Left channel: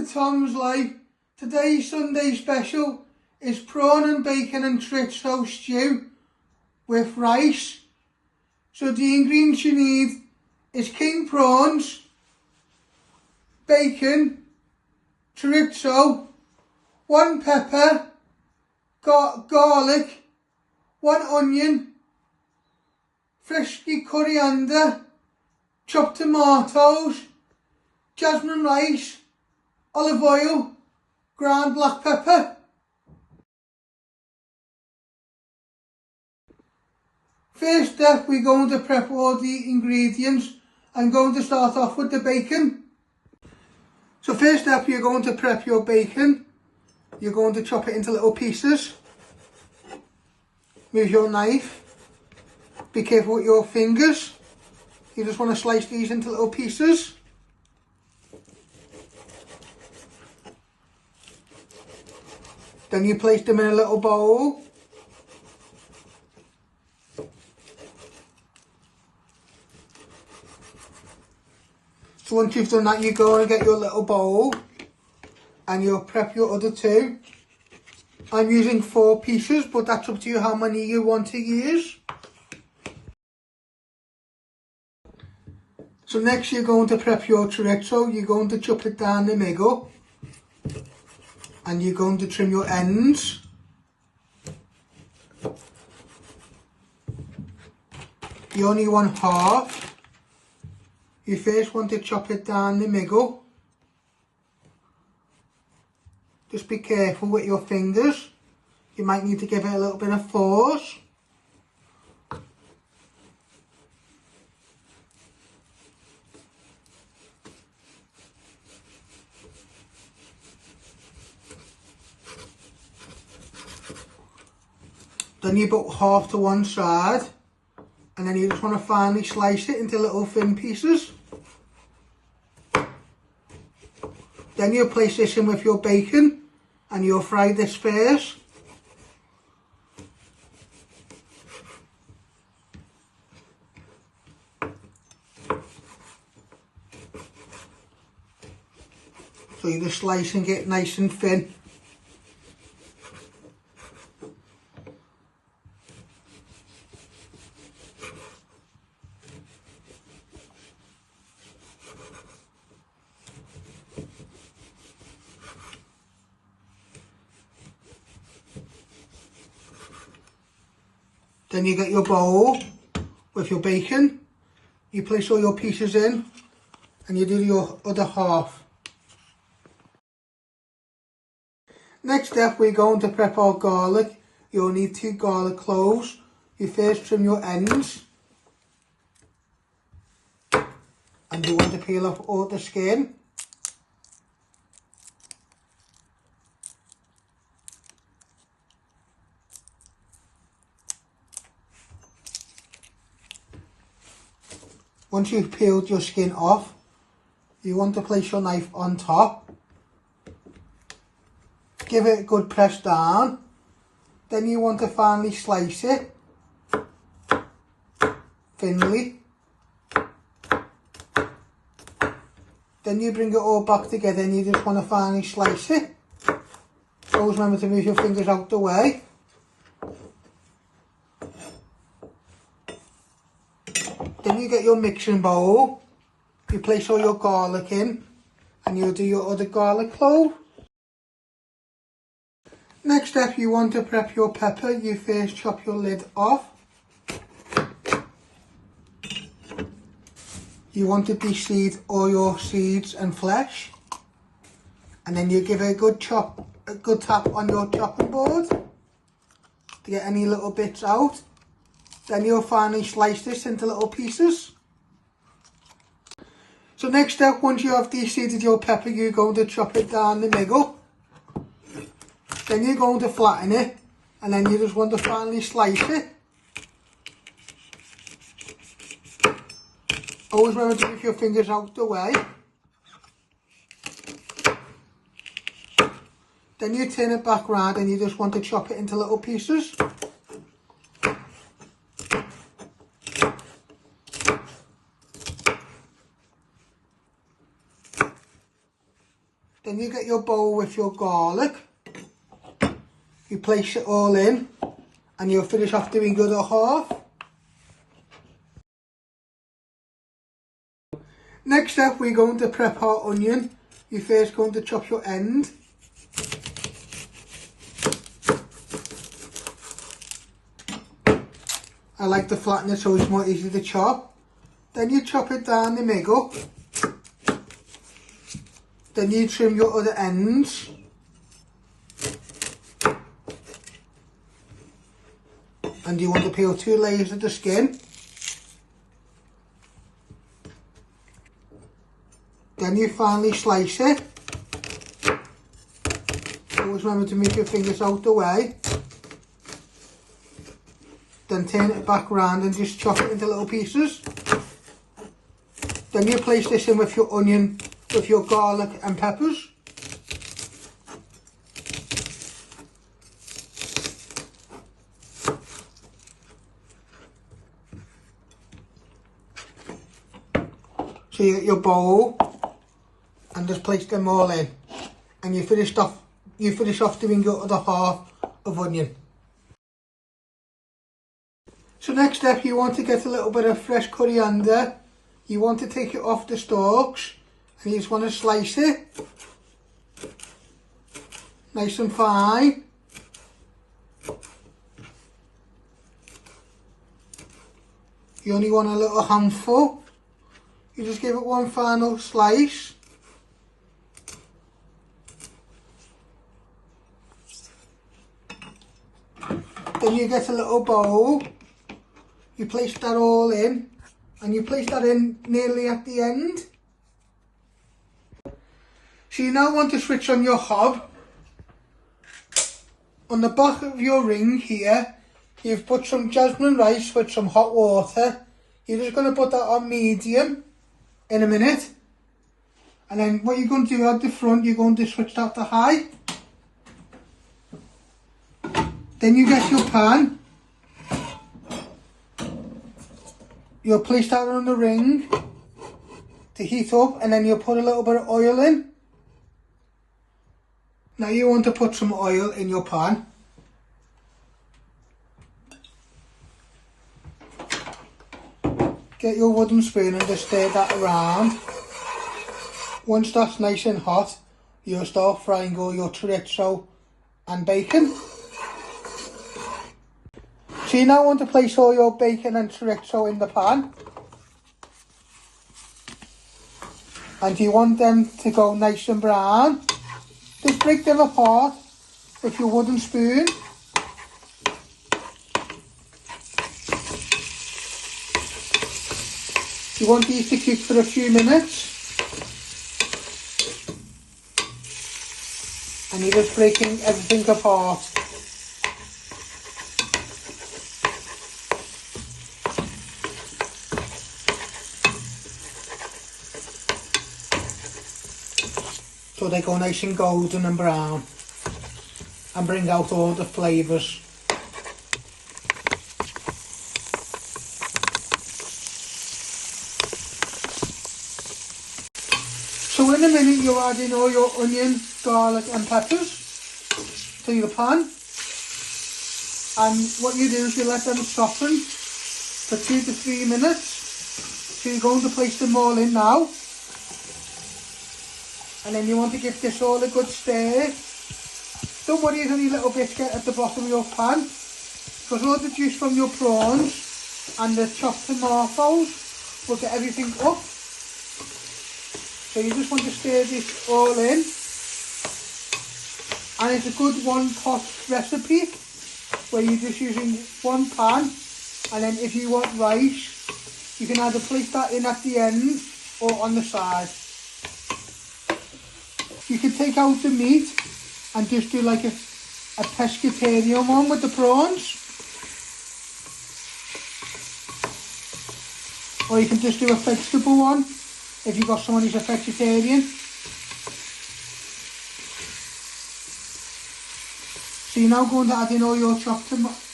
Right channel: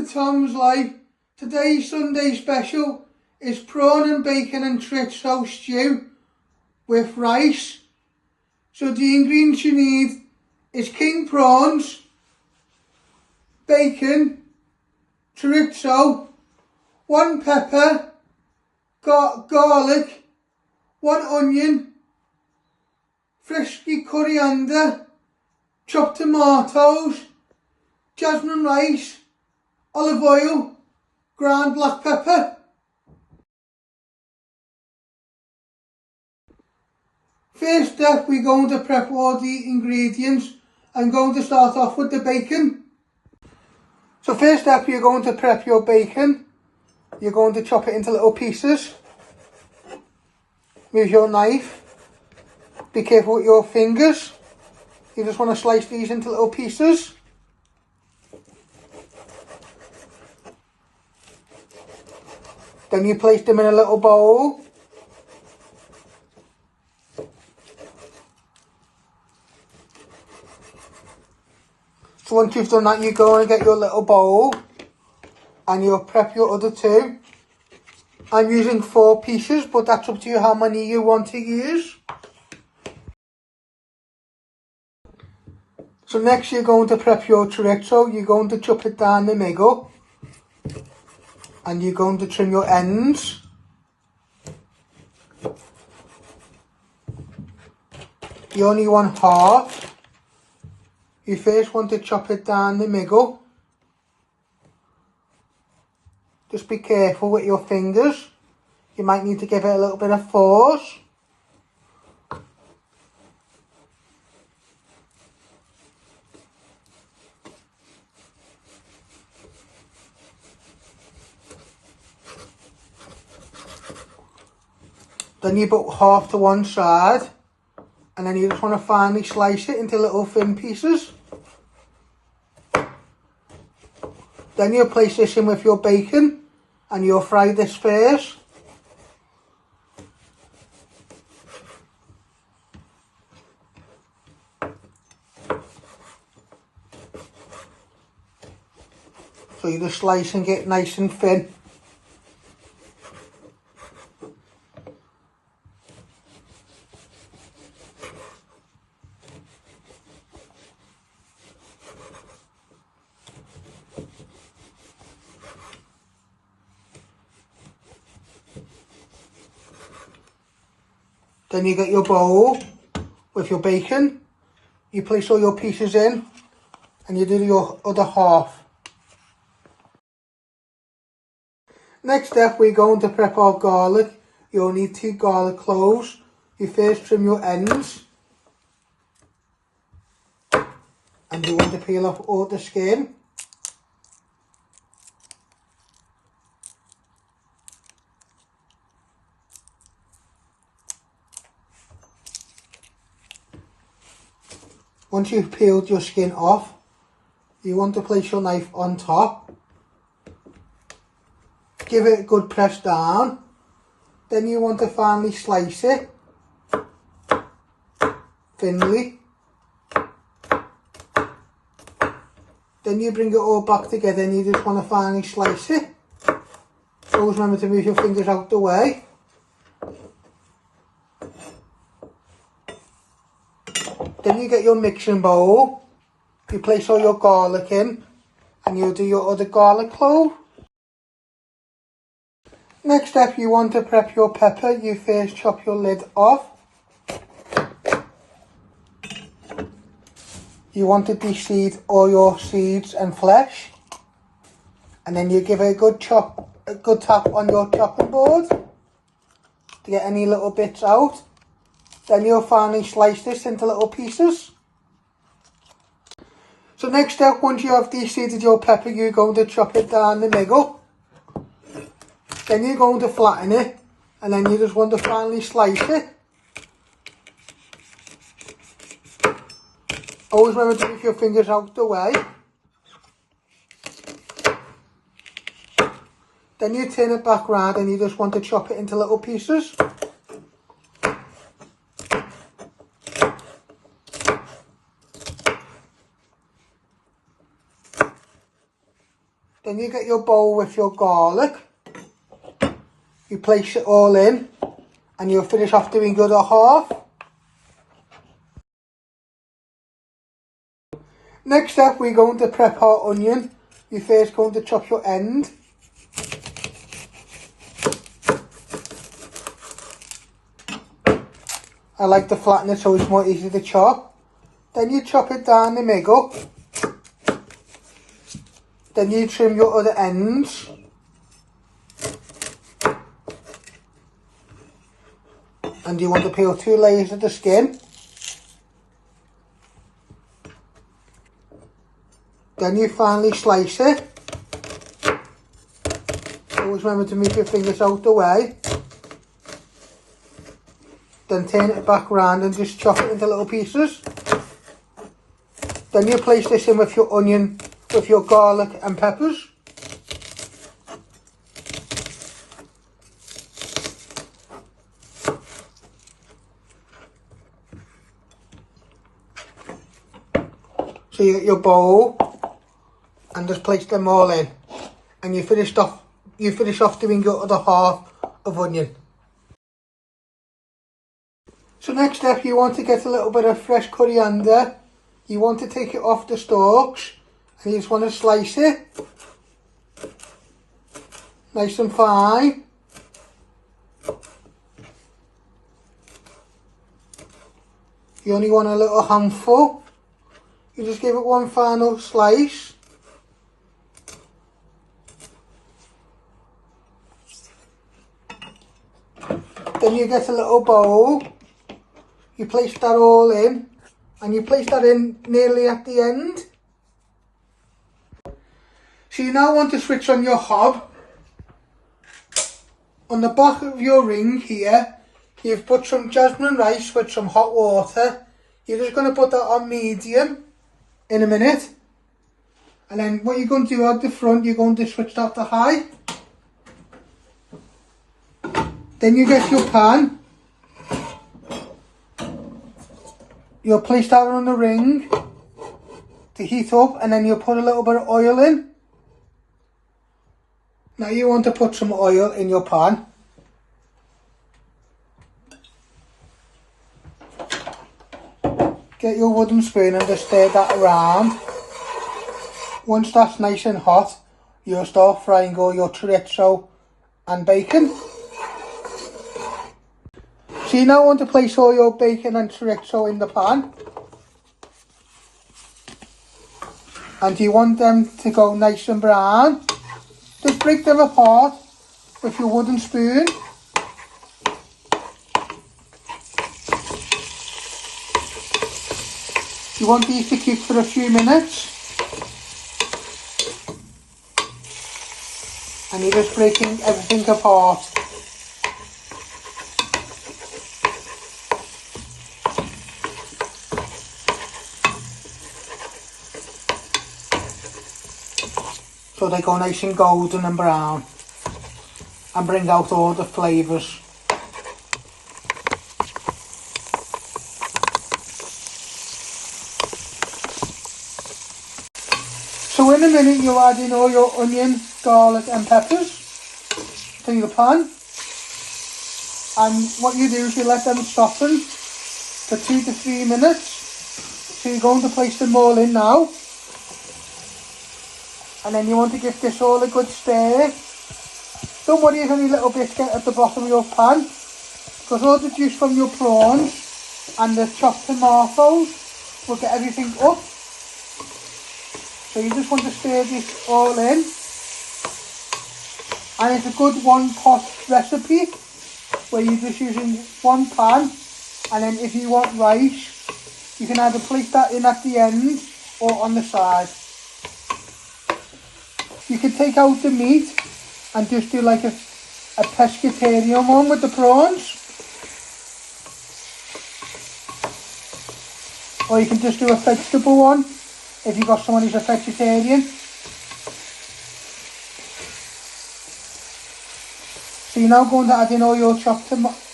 to Tom's Life. Today's Sunday special is prawn and bacon and chorizo stew with rice. So the ingredients you need is king prawns, bacon, chorizo, 1 pepper, garlic, 1 onion, frisky coriander, chopped tomatoes, jasmine rice, olive oil, ground black pepper. First step, we're going to prep all the ingredients. I'm going to start off with the bacon. So first step, you're going to prep your bacon. You're going to chop it into little pieces with your knife. Be careful with your fingers. You just want to slice these into little pieces. Then you place them in a little bowl. So once you've done that, you go and get your little bowl and you'll prep your other 2. I'm using 4 pieces, but that's up to you how many you want to use. So next you're going to prep your chorizo. You're going to chop it down the middle and you're going to trim your ends. You only want half. You first want to chop it down the middle. Just be careful with your fingers. You might need to give it a little bit of force. Then you put half to one side, and then you just want to finely slice it into little thin pieces. Then you'll place this in with your bacon, and you'll fry this first. So you're just slicing it nice and thin. Then you get your bowl with your bacon, you place all your pieces in and you do your other half. Next step, we're going to prep our garlic. You'll need 2 garlic cloves. You first trim your ends and you want to peel off all the skin. Once you've peeled your skin off, you want to place your knife on top. Give it a good press down. Then you want to finely slice it thinly. Then you bring it all back together and you just want to finely slice it. Always remember to move your fingers out the way. Then you get your mixing bowl, you place all your garlic in and you'll do your other garlic clove. Next step, you want to prep your pepper. You first chop your lid off. You want to de-seed all your seeds and flesh. And then you give it a good tap on your chopping board to get any little bits out. Then you'll finally slice this into little pieces. So next step, once you have de-seeded your pepper, you're going to chop it down the middle. Then you're going to flatten it, and then you just want to finally slice it. Always remember to keep your fingers out the way. Then you turn it back round and you just want to chop it into little pieces. Then you get your bowl with your garlic. You place it all in and you'll finish off doing the other half. Next up, we're going to prep our onion. You're first going to chop your end. I like to flatten it so it's more easy to chop. Then you chop it down the middle. Then you trim your other ends. And you want to peel 2 layers of the skin. Then you finally slice it. Always remember to move your fingers out the way. Then turn it back round and just chop it into little pieces. Then you place this in with your onion, with your garlic and peppers. So you get your bowl and just place them all in. And you finish off doing your other half of onion. So next step, you want to get a little bit of fresh coriander. You want to take it off the stalks and you just want to slice it nice and fine. You only want a little handful. You just give it one final slice. Then you get a little bowl. You place that all in, and you place that in nearly at the end. So you now want to switch on your hob. On the back of your ring here, you've put some jasmine rice with some hot water. You're just going to put that on medium in a minute. And then what you're going to do at the front, you're going to switch that to high. Then you get your pan. You'll place that on the ring to heat up, and then you'll put a little bit of oil in. Now you want to put some oil in your pan. Get your wooden spoon and just stir that around. Once that's nice and hot, you'll start frying all your chorizo and bacon. So you now want to place all your bacon and chorizo in the pan. And you want them to go nice and brown. Just break them apart with your wooden spoon. You want these to cook for a few minutes. And you're just breaking everything apart. So they go nice and golden and brown and bring out all the flavours. So in a minute you'll add in all your onion, garlic and peppers to your pan. And what you do is you let them soften for 2 to 3 minutes. So you're going to place them all in now. And then you want to give this all a good stir. Don't worry if any little bits get at the bottom of your pan, because all the juice from your prawns and the chopped tomatoes will get everything up. So you just want to stir this all in. And it's a good one-pot recipe where you're just using one pan, and then if you want rice, you can either place that in at the end or on the side. You can take out the meat and just do like a pescatarian one with the prawns. Or you can just do a vegetable one if you've got someone who's a vegetarian. So you're now going to add in all your chopped tomatoes.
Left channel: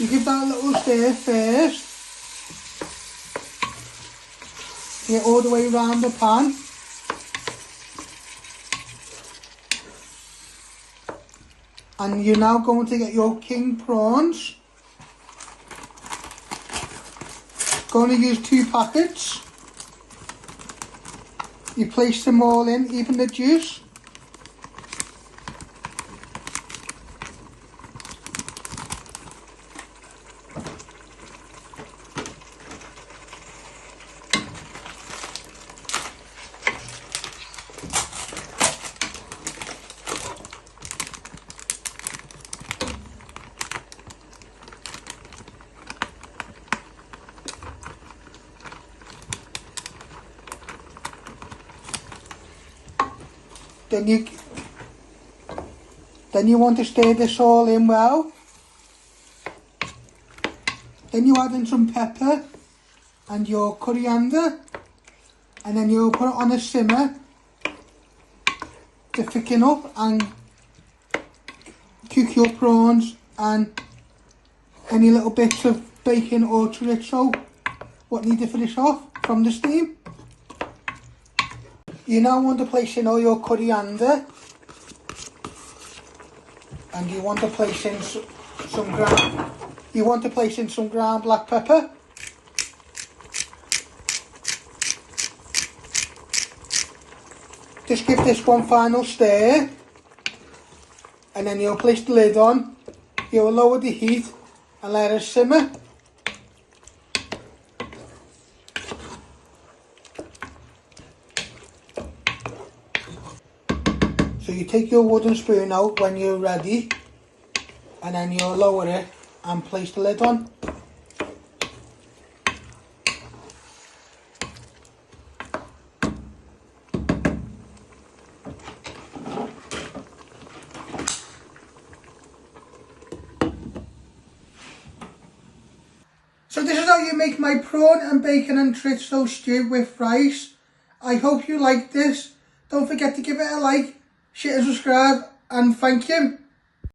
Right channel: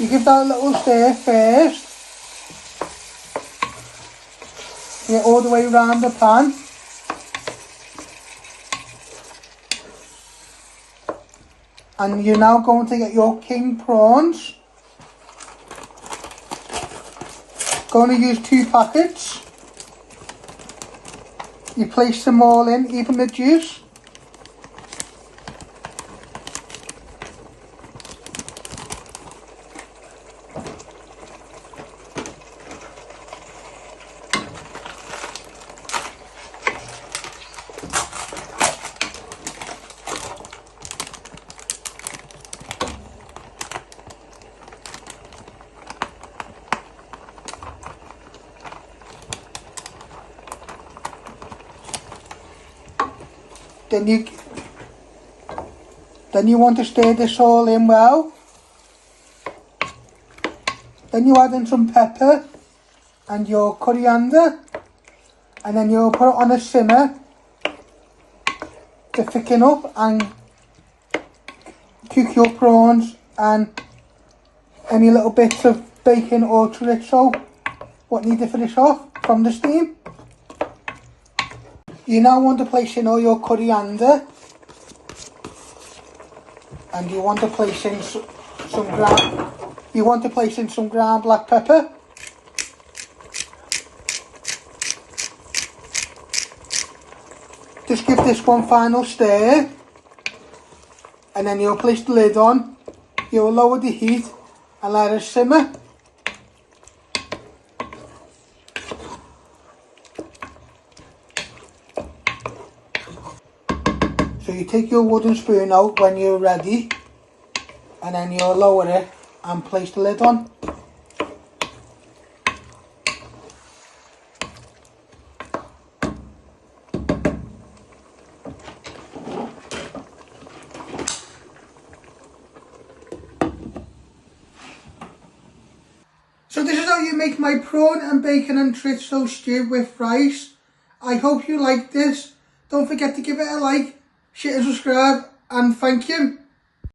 You give that a little stir first, Bring it all the way around the pan. And you're now going to get your king prawns. Going to use 2 packets. You place them all in, even the juice. Then you want to stir this all in well. Then you add in some pepper and your coriander, and then you'll put it on a simmer to thicken up and cook your prawns and any little bits of bacon or chorizo what need to finish off from the steam. You now want to place in all your coriander, and you want to place in some ground black pepper. Just give this one final stir, and then you'll place the lid on. You'll lower the heat and let it simmer. So you take your wooden spoon out when you're ready, and then you'll lower it and place the lid on. So this is how you make my prawn and bacon and chorizo stew with rice. I hope you liked this. Don't forget to give it a like, share and subscribe, and thank you.